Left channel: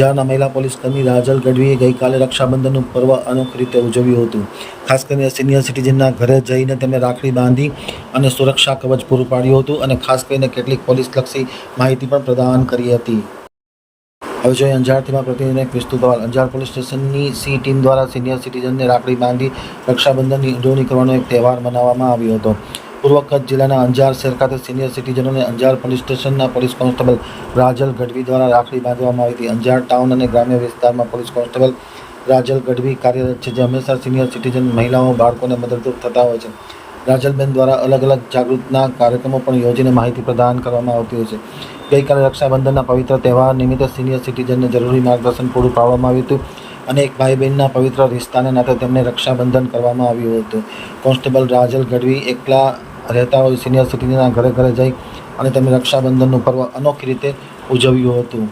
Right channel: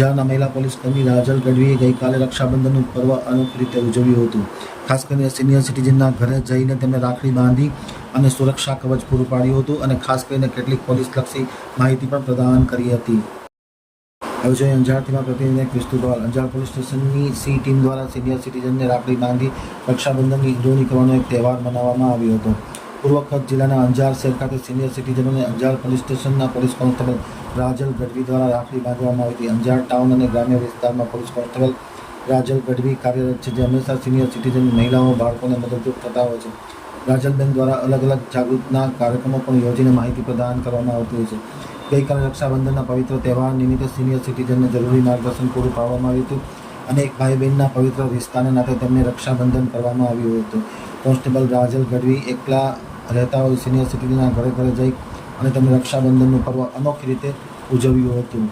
અંજારના મહિલા પોલીસ કર્મી રાજલ ગઢવીએ ગઈકાલે રક્ષાબંધનનું પર્વ અનોખી રીતે ઉજવ્યું હતું. ખાસ કરીને સિનિયર સિટીઝનના ઘરે જઈને તેમને રાખડી બાંધી અને સુરક્ષા કવચ પૂરું પાડ્યું હતું અને ખાસ કરીને કેટલીક પોલીસલક્ષી માહિતી પણ પ્રદાન કરી હતી. હવે જોઈએ અંજારથી પ્રતિનિધિ વિસ્તૃત અહેવાલ. અંજાર પોલીસ સ્ટેશનની સી ટીમ દ્વારા સિનિયર સિટીઝનને રાખડી બાંધી રક્ષાબંધનની ઉજવણી કરવાનો એક તહેવાર મનાવવામાં આવ્યો હતો. પૂર્વ કચ્છ જિલ્લાના અંજાર શહેર ખાતે સિનિયર સિટીઝનોને અંજાર પોલીસ સ્ટેશનના પોલીસ કોન્સ્ટેબલ રાજલ ગઢવી દ્વારા રાખડી બાંધવામાં આવી હતી. અંજાર ટાઉન અને ગ્રામ્ય વિસ્તારમાં પોલીસ કોન્સ્ટેબલ રાજલ ગઢવી કાર્યરત છે, જે હંમેશા સિનિયર સિટીઝન મહિલાઓ બાળકોને મદદરૂપ થતા હોય છે. રાજલબેન દ્વારા અલગ અલગ જાગૃતના કાર્યક્રમો પણ યોજીને માહિતી પ્રદાન કરવામાં આવતી હોય છે. ગઈકાલે રક્ષાબંધનના પવિત્ર તહેવાર નિમિત્તે સિનિયર સિટીઝનને જરૂરી માર્ગદર્શન પૂરું પાડવામાં આવ્યું હતું અને એક ભાઈ બહેનના પવિત્ર રિશ્તાને નાતે તેમને રક્ષાબંધન કરવામાં આવ્યું હતું. કોન્સ્ટેબલ રાજલ ગઢવી એકલા રહેતા હોય સિનિયર સિટીઝનના ઘરે જઈ અને તેમને રક્ષાબંધનનું પર્વ અનોખી રીતે ઉજવ્યું હતું.